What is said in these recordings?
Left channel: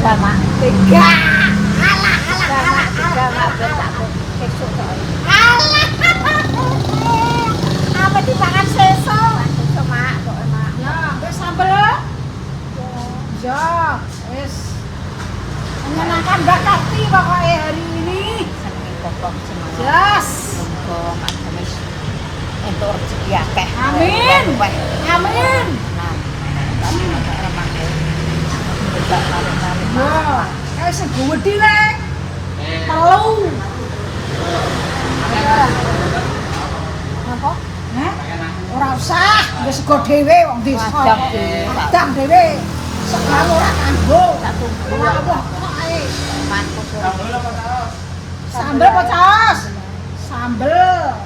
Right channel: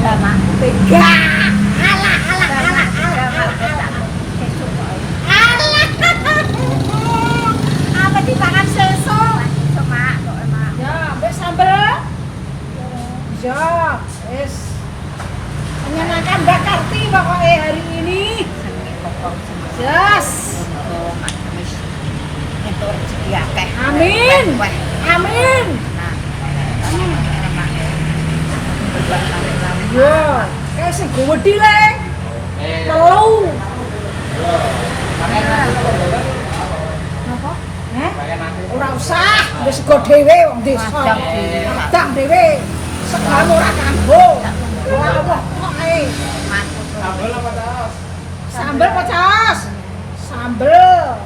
Mak. Tiga. Alah. Apa dimakan sesok? Mak. Ya, ambil sambel. Ya, wis. Menyenangkan Mbak Karti pokoknya hari ini. Yes. Entuk rezeki akeh. Amin. Amin. Yo, kayak sing gede le. Telu. Apa? Heh? Ora usah, wis sego dhewe wong desa. Adang dhewe. Sekali ora kanggo. Ora apa kok ae. Sambel apa saus? Sambel apa saus? Sambel.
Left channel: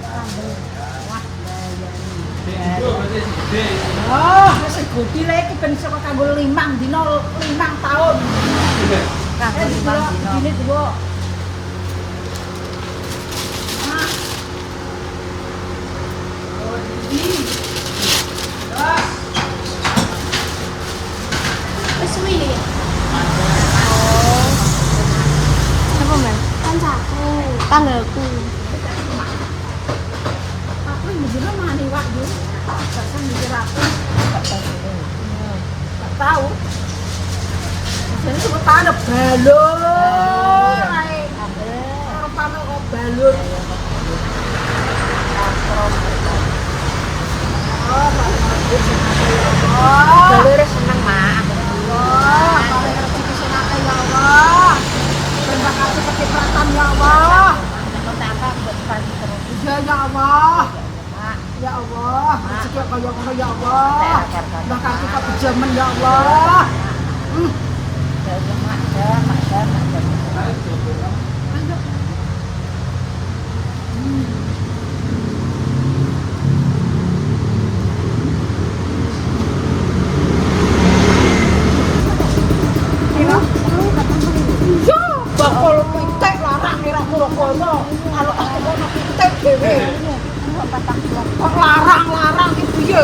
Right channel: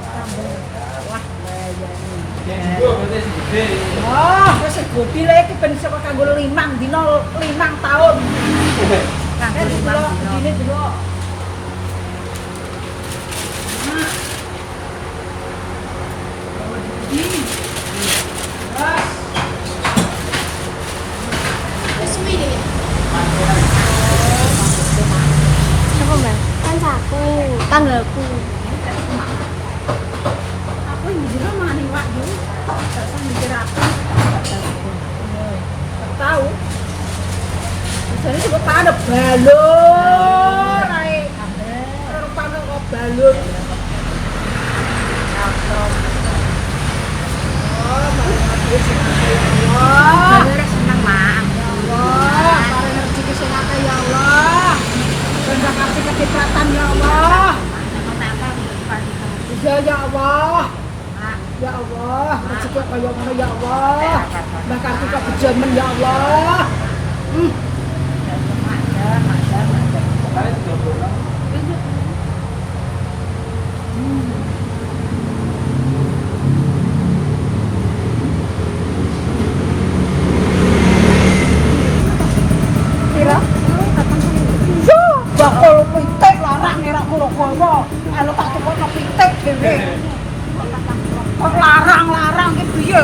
Wah, layani. Oh, wis gede le iki ben iso kanggo 5 dina 5 tahun. Kakek dulu, begini dulu. Apa Mel? Kancaku, tanggalku. Aku yang mikir mani wak yo. Terus mikir aku. Tak tahu. Jadi coba tanda balur. Orang tanda kok balur. Oh, balur senang ya Allah. Balur senang mak. Allah, paling rezeki senang ya Allah. Terima kasih kecepatan ya Allah. Ya Allah. Ya Allah, rezeki kaya ngono ya Allah. Mbah Karti kok bejamen ya Allah. Kira? Yo, bakal pitik larang ora kira-kira. Karo tak tukokno pitik dhewe. Kok larang ki piye?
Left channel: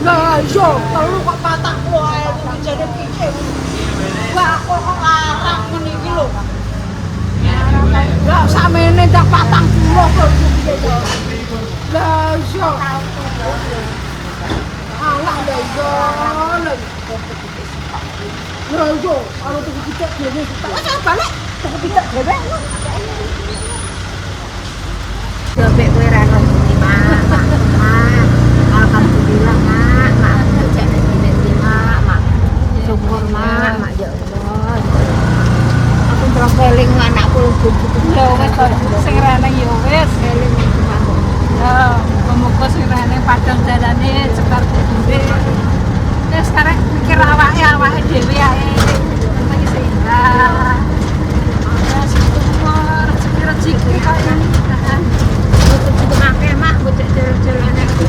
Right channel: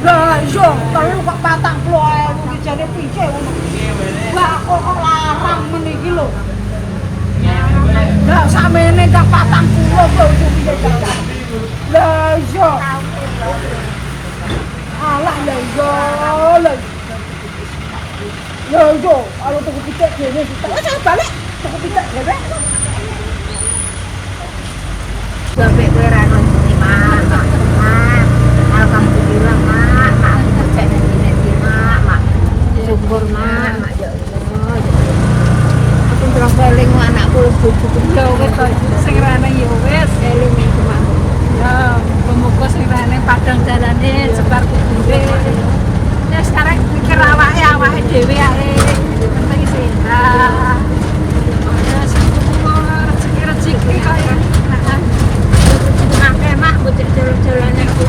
Lah iya, telu kok 40.000 iki jane piye ngono. Lah kok larang ngene iki lho. Lah samene gak 40 kok piye to. Lah iya. Alah lah iya. Lah iya, karo tuku pitik dhewe. Wis balik tuku pitik dhewe. Sampai kowe ra ono mak. Alhamdulillah mak, aku mau cek nanti mak. Syukur mak ya Allah. Aku terus eling anakku buku Ya wis sing reneng ya wis. eling cuma Ya, muga-muga sing reneng padang dalane sebar kubure. Ya sekarang mikir awake dhewe ae. Penting sehat. Ya syukur rezeki akeh. untuk makan mak bocah jalan-jalan aku.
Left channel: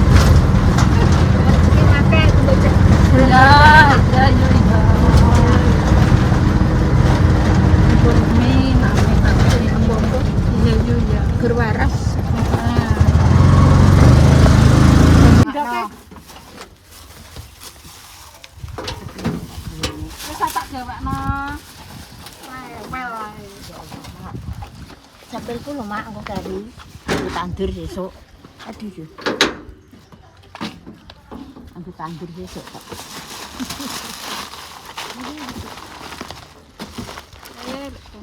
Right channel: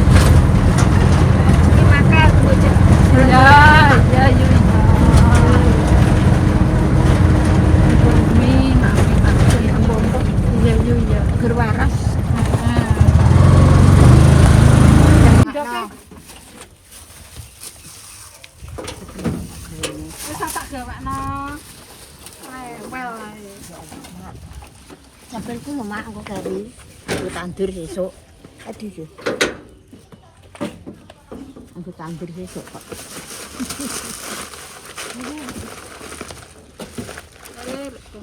Makan aku bocah jalan-jalan. Ya. Gerwaras. Sampai itu mak aku kari tandur besok. Aduh yo. Aku tandur besok kok.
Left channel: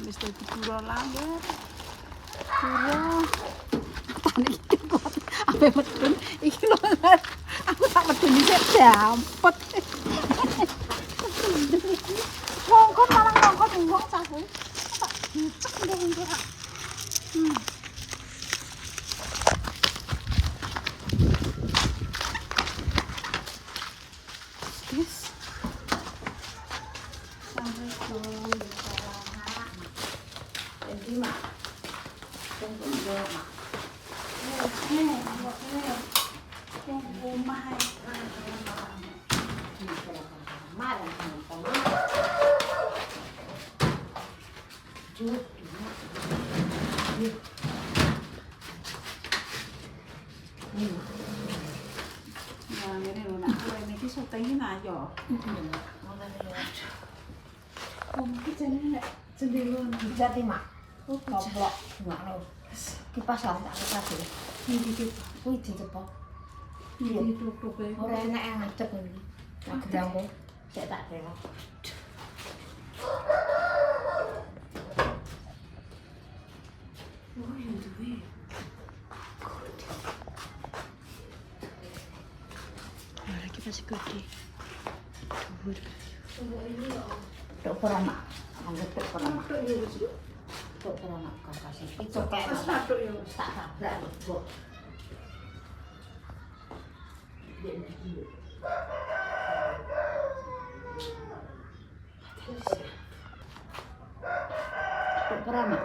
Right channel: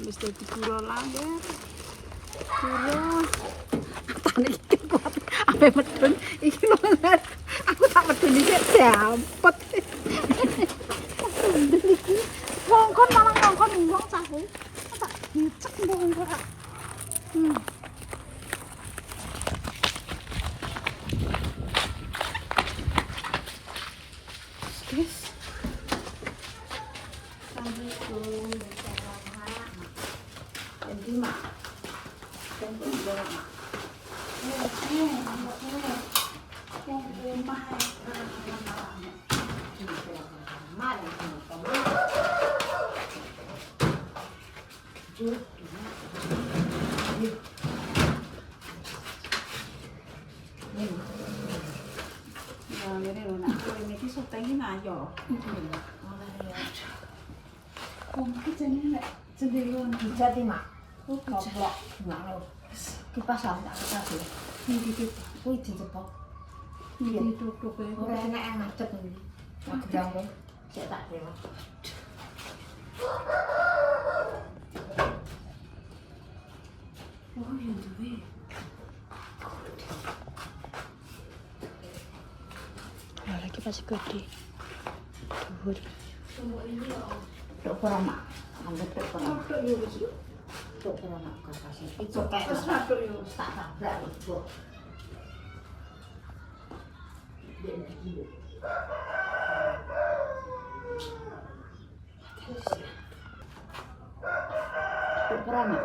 Wis dadi kura layar. Kura. Apa medun iki lho. Aku tak medun iki dampet. Ngongkon malah ngongkon wong cahe. Tak dicek ndang ora. Yes. Assalamualaikum. Jadi mak, Iki jenenge nek cenderung Jadi mak, koplok mak lo. Kipas lah tak kasih. iki Kuwi dicepok. iki tutuk e. Ora enak yang ngadeg iki. Nek gedangku sik tak rela. Oh ya duwe. Lagi masih gede. Dhuwur. Tok ora mak. Anggap tok ora mak. Tutuk yo wis yo. Tok ora mak kok kasih. Itu kayak Wis tutuk yo. tak tabrak Bu. Tok ora mak.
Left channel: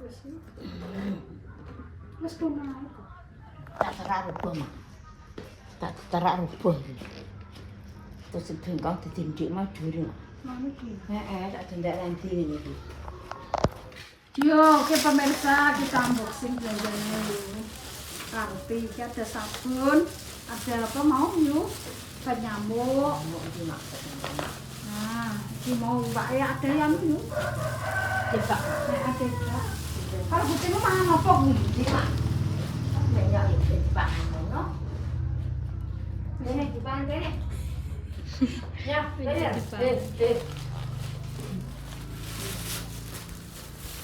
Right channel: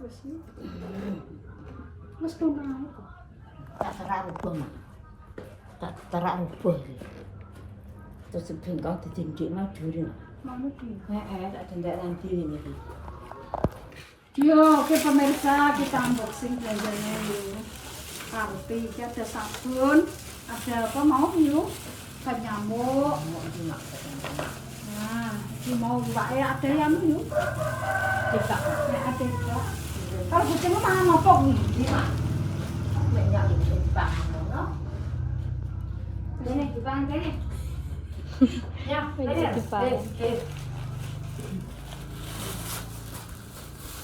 Wis yo. Wis kono kok. Tak terak rubuh mak. Tak terak rubuh. Terus bengkong ditindik mau juri mak. Ngono ki. Tak dendak nanti ini. Yo, oke pemirsa, kita unboxing belanjanya yuk. Roti, ini ada sabun, ada apa mau yuk? Obat nyamuk. Mau iki mak. Nah, ini mau ya ada yang yuk. Cepat. Nah, ada juga. Kalau kucingmu makan apa nih? Iki mak. Nek ya iki cepat ngono. Dene cepat dene. Ya, Ini cepat.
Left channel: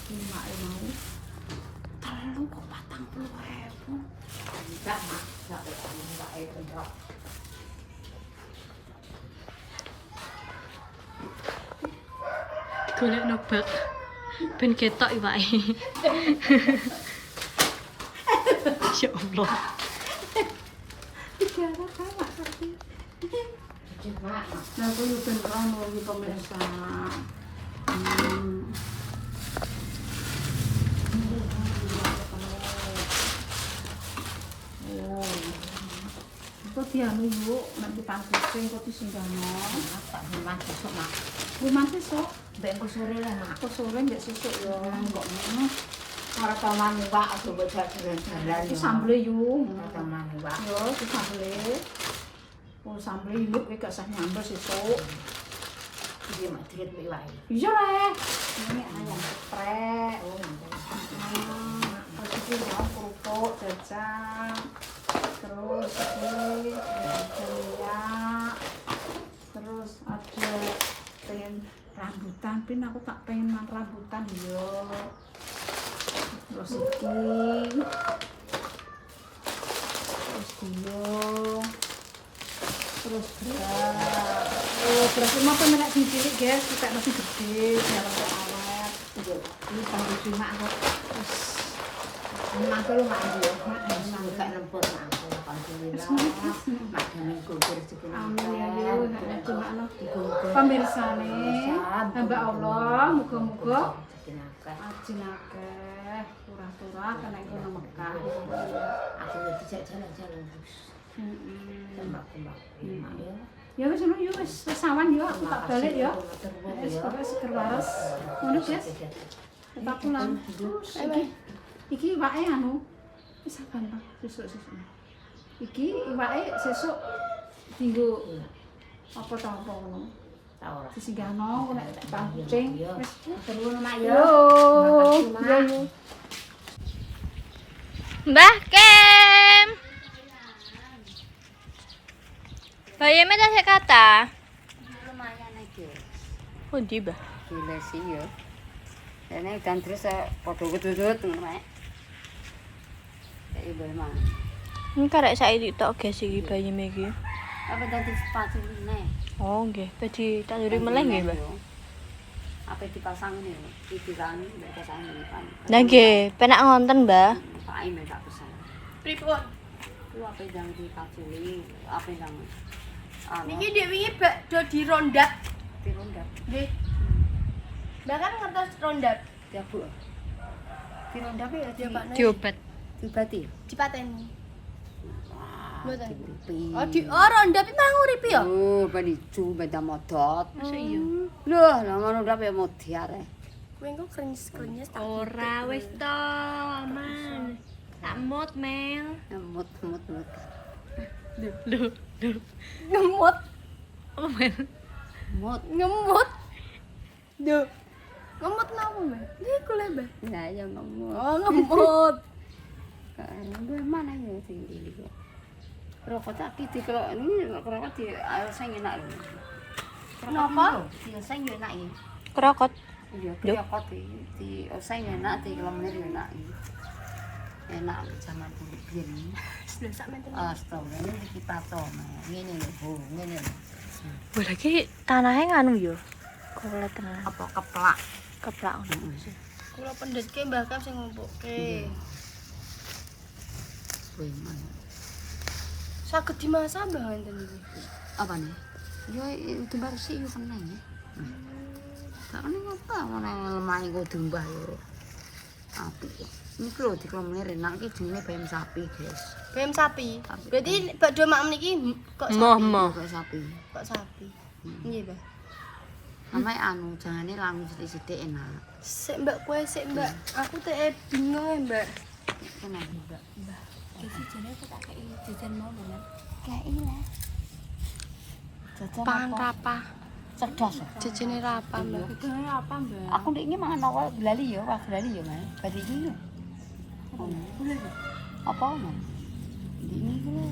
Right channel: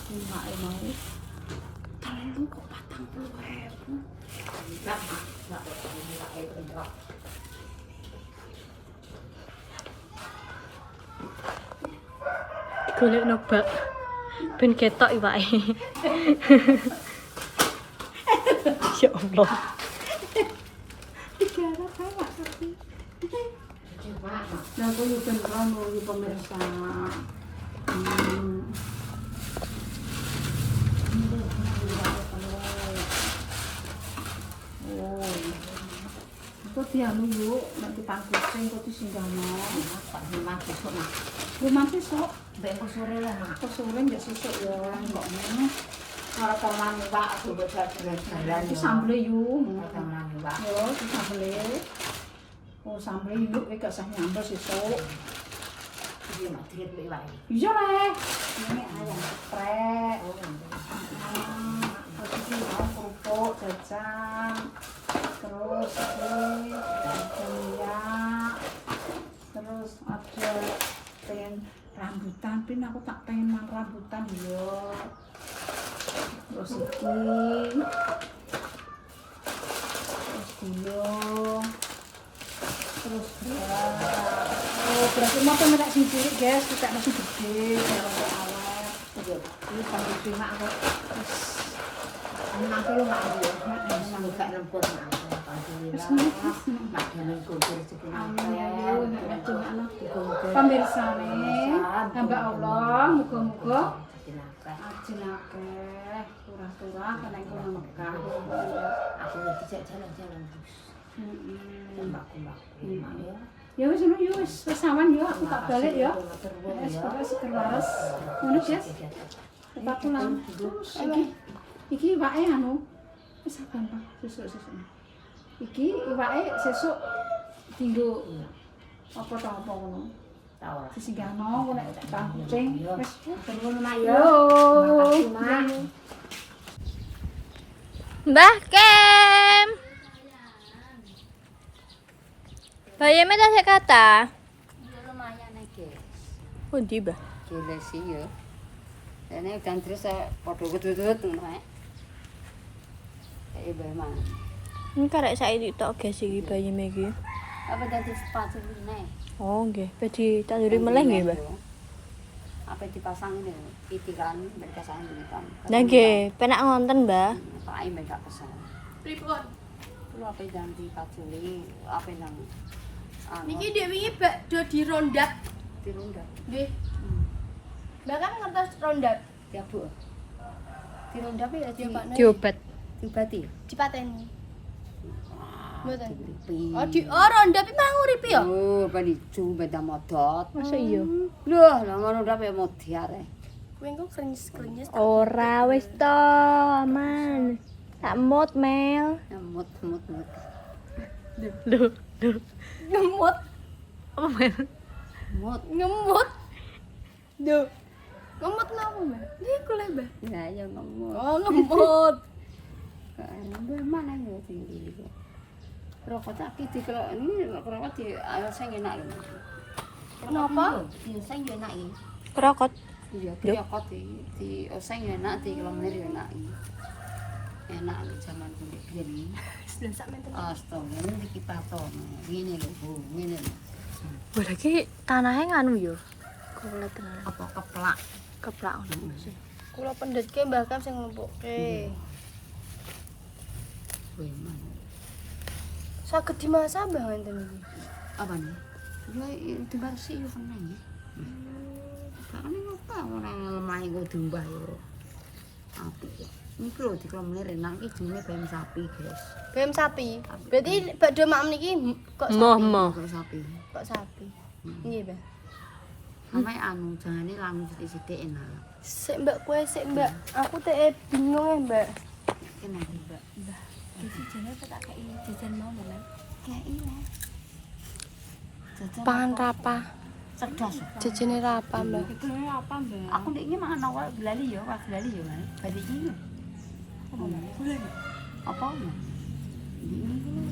Ini mau. Terlalu kok 40.000. Golek nobak. Ben ketok iwake. Ya Allah. Dikira kayak tapi. Nah, aku yuk beneran mau yuk pemirsa. Oh, kok dianu yuk, nanti pangkusin kok disinggahno. Tak rumah besok mak. Rumah besok, Mbek sore lah mak. kok sore nggak susuk ya, kok ngono. Ora taman Pak, coba jalan-jalan. Itu sambel yuk. Ora taman Pak. Yo, itu sambel. Oh, sambel yuk, gak usah nyambel sesuk. Iki mak diet mbek wae. Iya lah, ini ayam geprek. Oh, nanti. Terus ini mau kerupuk, jajan. Terus ini ada minyak. Terus ada pengen rambutan, pin aku tak pengen makan rambutan yo. Terus ini. Terus gulung. Terus beras. Oh, berarti mau pemerintah cilik guys, kita masih gede, dalam awet. Ini sambil cuma aku. Terus Nang kowe mak yo. Nang gak lempur mak. Alhamdulillah. Mak demen kumpul rezeki nang. amin ya Allah, cuma no. Pemirsa nih, hamba Allah, muga-muga ajin akeh, turah-turah kena kono Mekah. Aku dijak jalan-jalan terus. Tembak-tembak mak yo. Ya wis ngono yo wis sawan yo aku tak balik yo. Wis pokoke seger waras. Ngono guys. Tepat pulang. Terus iki iwake anu wis gampang sesuk-sesuk. Iki iwake sesuk dienggo apa ta apa ngono. Ta ora. Disinggahno nek tak kucing wis Terus mak yo. yo. Makasih, Mak. Yo yo. Mbah Kem. Bayame tak sik kata. Lumayan aja. Oh, di Mbah. Gila sih ya. Ini dan terus podo ketutut ngono. Kayak bagaimana? Ini karek saiki tok guys iki bayame iki. Apa tadi sepatu ini? Oh, nggih. Badhe tak duri meleh nggih, Mbah. Apa dipasang ini? Iki kan berkesan ini kan. Lah nggih, penak ngonten, Mbah. Pak Aim tak pesan. Pripun? Ku apa yang dipaculi? Apa yang Niki dhek wingi bakdo dirondak. dirundak? Nggih. Mbah kan ngertos rondak. Diabu. Dirundak ya dia Pak. Diobat. Diobati. Dipateni. Mboten. Nguripi. Oh rondak iki malah nguripi ya? Oh, panicu beda modot. Masa iya? Loh, lah ngono ndak ya modiar. Kuwi engko krenyes-krenyes. Ora wis to, Man. Tak mut Mel. Mut. Lho. Ngemut. Apa Mel? Mut. Ngemut. Duh. Ngemut kenapa, Mbak? Iku lho, Mbak. Nah, ya ngemut. Oh, ngemut. Mbah mana yo sing iki kok. Rokok tak iki kalau ini rokok di sing enak lho. Kenapa? Di sing enak iki. Kerokot. Iya, rokok di sing enak di kelamir enak iki. Enak zaman biyen. Sudah sak menten. Astaga, ini iki paton. Ngene lho, Bu, ngene lho. Wah, lagi tanahnya nganu yo. Kulit tenan. Apa keplak? Keplak ngono sih. Kula pendhetke Mbah Kam sing ngumpukke. Kuwi mana? Saged dimasak Mbah ngenten iki. Apa nih? Yo itu bersih yo kena ya. Karena apa orang lemah iku dimbah yo. Apik ya. Ini lho di kelamir enak iki jenenge bayam sapi, guys. Bayam sapi. Berarti bakdo mak meniki kok sapi? Kok sapi. Kok sapi. Nggih, Mbah. Sampai anu jangane lamu sithik-sithik enak. Sik Mbak kue sik Mbak. Aku teh bingung Mbak. Kenapa, Mbak? Mbah, jajannya tak kei jajan mau Mbak. Kei lah. Jajan Pangan rapa. cerdas. Jajane rapa Mbak. Jajane apa, Mbak? Aku ndek iki mangan awak belali ya, wah belali ya, Mas. Badi iki. Apa? Boleh. Apa, Mas? Ndek iki lho.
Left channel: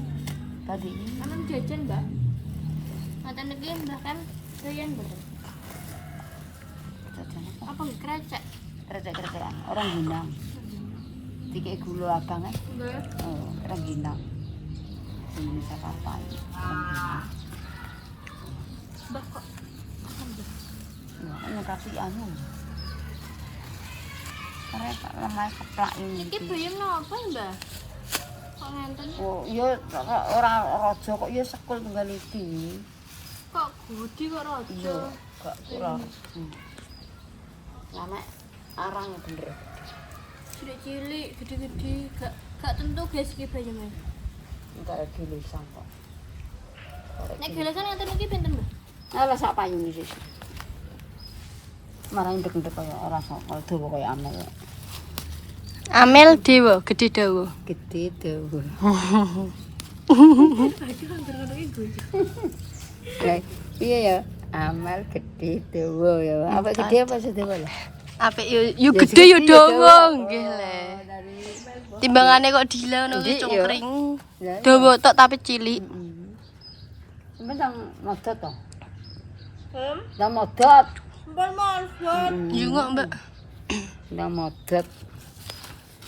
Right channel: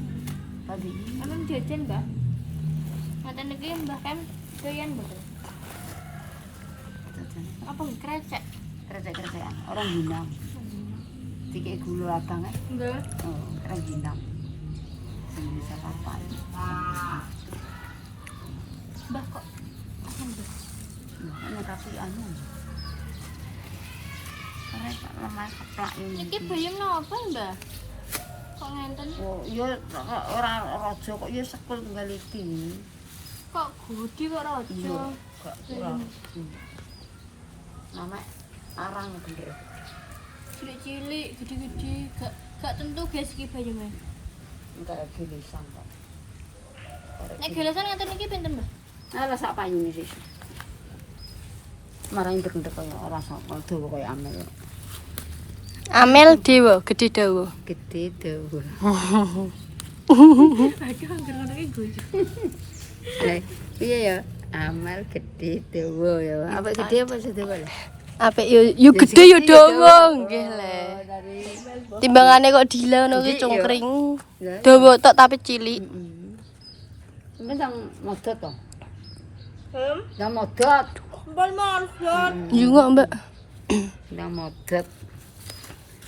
Badi iki. Emang jajan Mbak? Ngoten iki Mbah Kam doyan betul. Jajan Apa krecek? kerja-kerjaan orang Hinang. Dikek gula abang Nggih. orang Hinang. Sing bisa kapan. Mbah kok Nah, tapi anu. Karena lemah keplak ini. iki bayam napa Mbah? Kok ngenten? Oh, ya ora raja kok ya sekul tunggal iki. Kok gudi kok raja? Iya, gak kurang. Lama arang bener. Cilik-cilik, gede-gede, gak tentu guys iki bayame. Entar gilisan kok. Nek gelesan ngeten iki pinten, Mbah? Ala sak payune sih. Marang ndek-ndek kaya ora sok dawa kaya amel. Amel dewa, gede dawa. Gede dawa. Iki kan ngono iki guyu. Lah, iya ya. Amal gede dawa ya. Apa gede apa sih dawa lah? Apik yo gede yo dawa nggih le. Timbangane kok dila ngono ki cungkring. Dawa tok tapi cilik. Sampe nang modot to. Nang modot. Mbal modot. Yo kok, Mbak. Nang modot.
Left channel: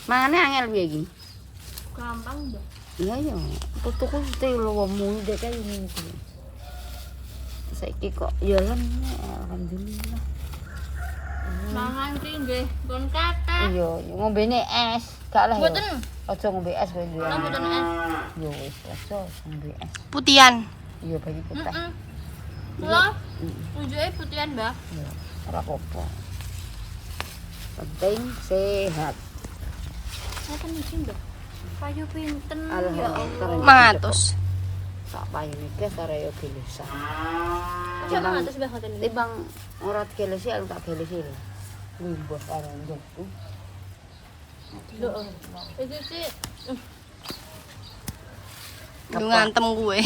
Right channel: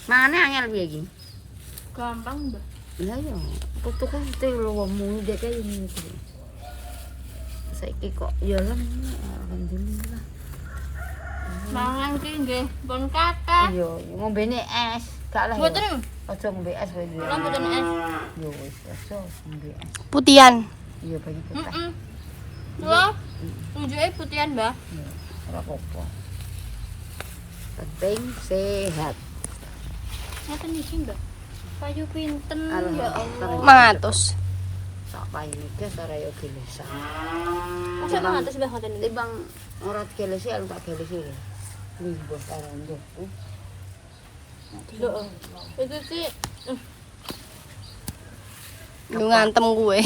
Mane angel piye iki? Gampang, Mbak. Iya ya, putuku mesti luwemu dek kaya ngono kuwi. Saiki kok ya alhamdulillah. Mangan ki nggih, pun kakak. Iya, ngombene es, gak lah. Mboten. Aja ngombe es wae. Kula mboten es. Yo wis, aja ngombe es. Putian. Iya bagi kita. Heeh. Kula tunjuke putian, Mbak. Iya, ora apa-apa. Penting sehat. Ngoten iki, Mbak. Payu pinten ya Alhamdulillah. Allah. 100. Sak payune iki arek dilesan. Masuk 100 Mbak ngoten iki. Timbang ora digelesi aku tak gelesi lho. Lumbuh karo nggoku. Iki ki lu ngantem gue.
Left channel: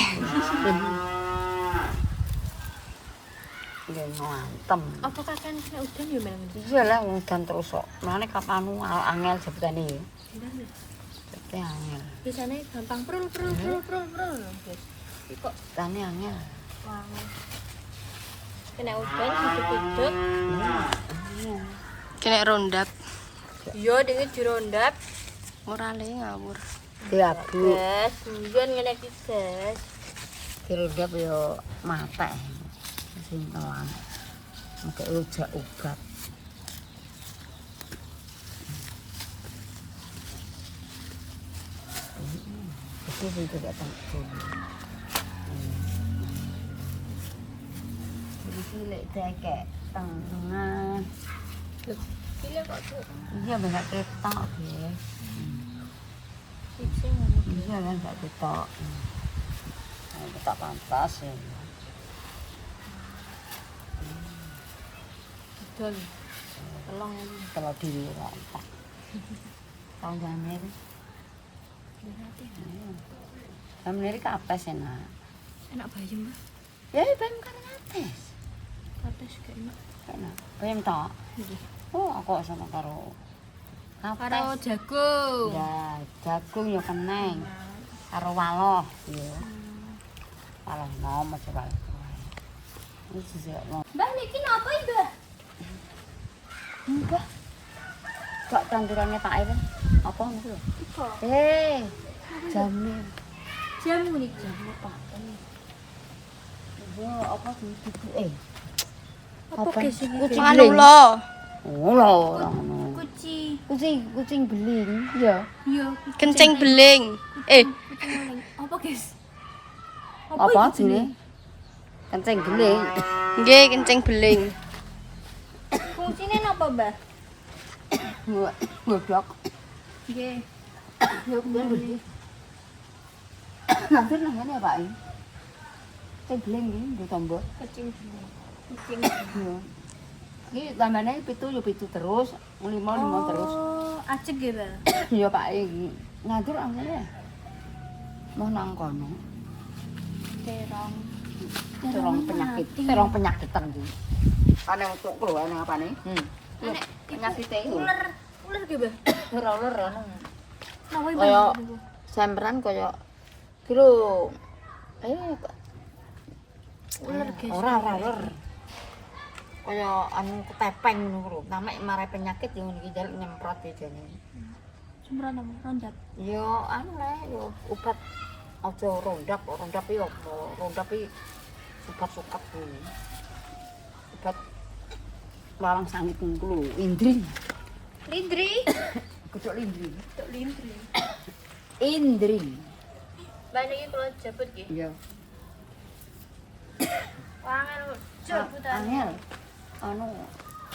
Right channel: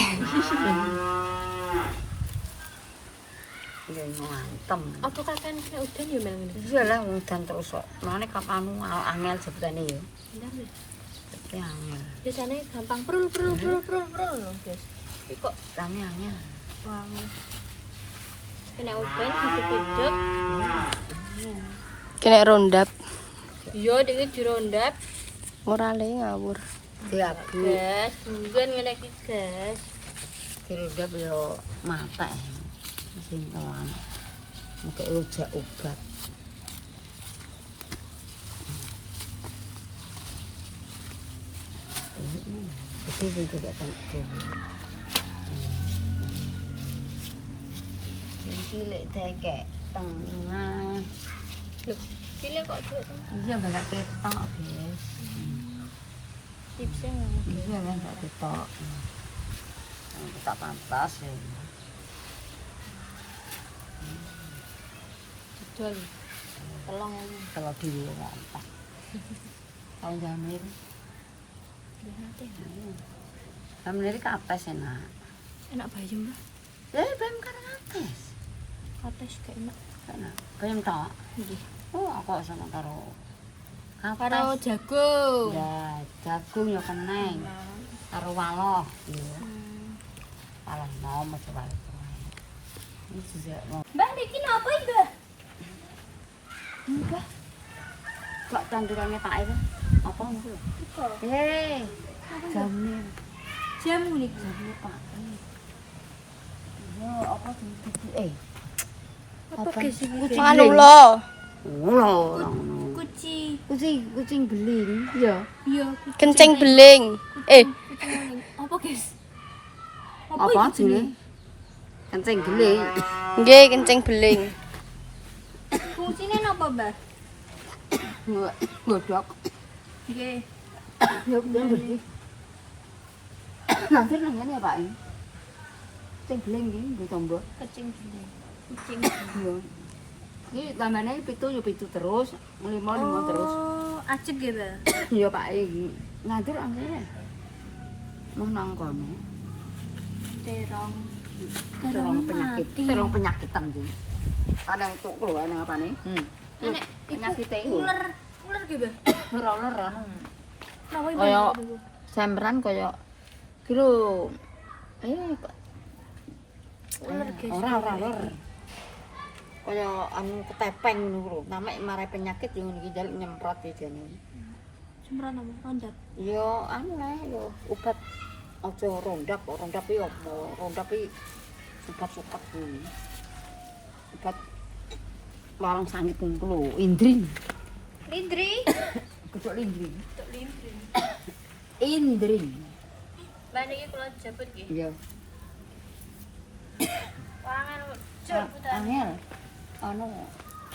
Iya ngantem. Apa kakean kena udan ya Mel? Iya lah udan terus kok. Mane kapan angel jebutane ya. Bentar, Mbak. Jebute angel. Biasanya gampang prul loh, guys. Iki kok Tane angel. wangi. Kena udan hidup-hidup. Iya. Kena rondap. Iya, iki dirondap. Ora le ngawur. Diabu. Gas, bukan ngene iki, Gas. Diredap yo matek. Sing telan. Mengke rujak obat. Betul juga tak cilik dekek tengah. Pilih kok tuh. Iya banyak ketok, guys. Tipsnya ngono. Iya kan gak ketok. Ketok pantas ya. Dol. Tolong aja. Kalau diri kan. Kau jamir. Nanti. Jamir kapes enak. Enak bayam, Mbak. Ya bayam kan kapes. Kapes Kates gak enak. Enak. Bayam tok. Nggih. Oh, aku seneng karo Karo jagung. ya jagung ya keneng. Karo waloh ya. Waloh nom aja wae. Ini juga mau. Mbak niki napa iki, Mbak? Enggak. Kok tandurannya tak ini? Apa itu? Apa? Jamu. Jamu niki. Jamu Pak. Yo, apa dibuku Apa guys iki? Anu lho. Oh, lho. Kucing beling. Ya. Iya, kencing beling. Apa guys? Apa jenenge? Kencing beling. Nggih, kencing beling. Fungsine napa, Mbah? Godhok. Nggih. Ya kuwi beling. Nanti nang ngene ya, Pak. Kencing beling iki nggo tombok. Kecing beling. Kucing. Iya. Iki tambane 7 terus, 5 terus. Oh, ajeg ya, Mbah. Iya Pak iki. Ngatur angene. Mau nang kono. Terong. Terong penyakitan iki. Kane untuk keluar nang apane? Nek Penyakit iki. ular ki, Mbah. Ular anu. Napa iki? Kaya semperan kaya kilo Ular guys. ora ular. Kaya anu ketepeng ngono lho. Namek marai penyakit yang iki jaluk nyemprot iki jane. Semprot apa? Rondat. Yo anu le yo obat aja rondap iki apa? Rondap iki obat suket kuwi. Obat malang sangit ku lho, indri. Lindri. Kucuk lindri. Tuk lindri. Indri. Mbah niki kula jabut nggih. Iya. Wangen jabutan. Angel. Anu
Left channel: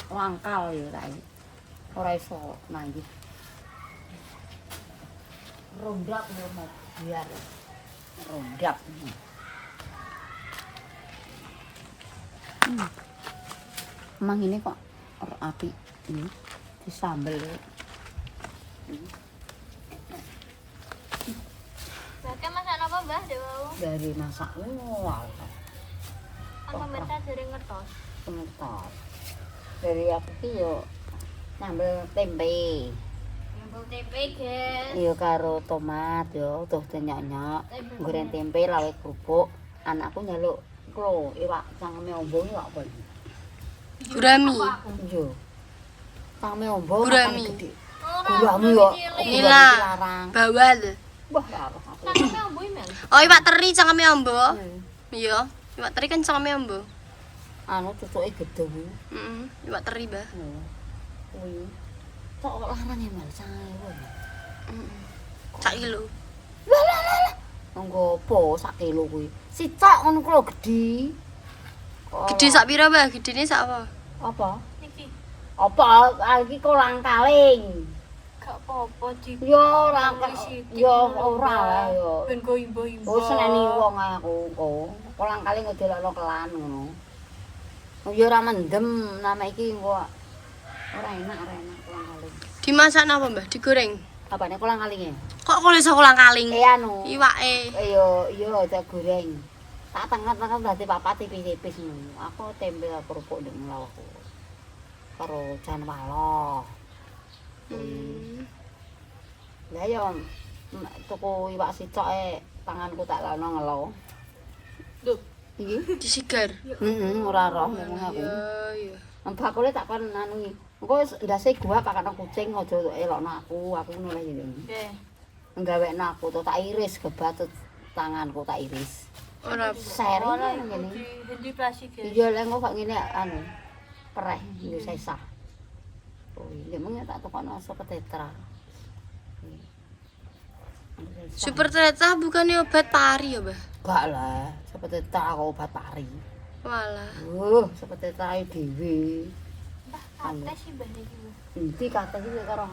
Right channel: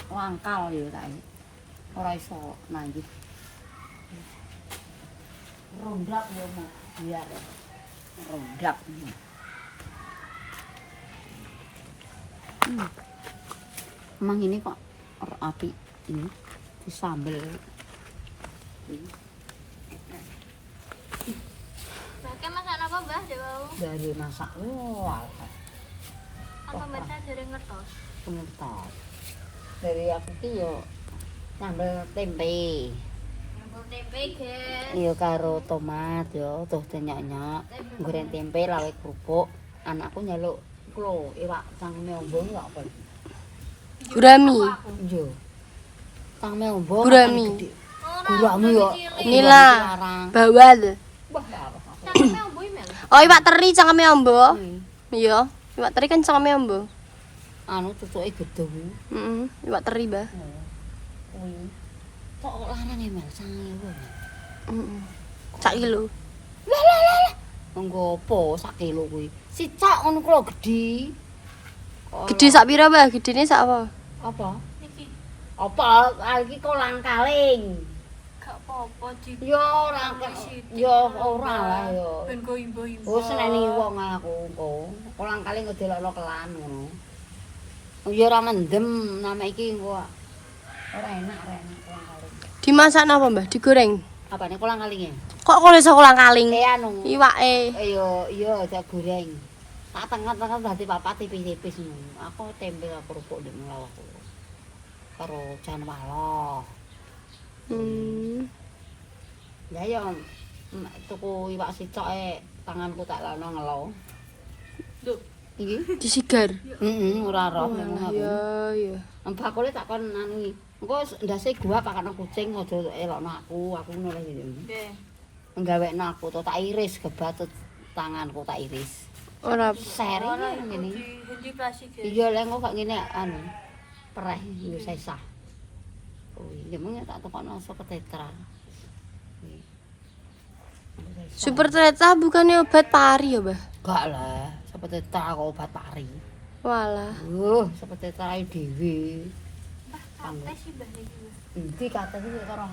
wangkal ya ta. Ora iso nanggih. Rondap yo mau biar. Rondap. Emang ini kok api ini disambel. Oke, masak apa, Mbah? Dewa. Dari masak wah Apa menta dari ngertos? kental. Dari aku ki yo sambel tempe. Nyambung tempe, guys. Iya karo tomat yo tuh nyok-nyok. Goreng tempe lawe kerupuk. Anakku nyeluk klo iwak cangkeme ombo kok apa. Gurami. Iya. Cangkeme ombo Gurami. gede. Gurami yo Nila. larang. Bawal. Wah larang. Cangkeme ambo email. Oh, iwak teri cangkeme ambo. Hmm. Iya, iwak teri kan cangkeme ambo. Anu cucuke gedhe. Heeh, iwak teri, Mbah. Kuwi. Kok larang ya Mel sange kuwi. Heeh. Sak kilo. Nggo apa sak kilo kuwi? Sicak ngono klo gedhi. Gede sak pira, Mbah? Gedene sak apa? Apa? Niki Apa iki kolang kaling. gak apa-apa di Yo ora yo ora wae yo. ben go imbo-imbo. Oh seneni wong aku kok. Kolang kaling ngedelokno kelan ngono. Yo ora mendem nama iki engko ora enak kolang kaling. Dimasak napa, Mbah? Digoreng. Apane kolang kalinge? Kok kok iso kolang kaling? Anu. Iwake. Yo tak goreng. Tak tengah-tengah dadi papat tipis-tipis ngono. Aku tempe kerupuk ndek lawakku. Karo jan waloh. Ya yo tuku iwak sicoke tanganku tak lano ngelo. Duh, Iki? Disigar. Ora roh memang aku. Iya. Bakule tak kon anu iki. Engko ndase gua pakane kucing aja elokno aku nilai iki. nggih. Nggawekno aku to tak iris gebatut tanganku tak iris. Ora Seri ngene. Di plastik. Iya lek kok ngene anu pereh nggo sesah. Oh, iya mung tak tokono sapa tetra. Super ternyata bukannya obat pari ya, Mbah? Gak lah, sapa tetra kok obat pari. Walah. Sapa tetra dhewe. Kate sih Mbah niki. Iki kate iki karo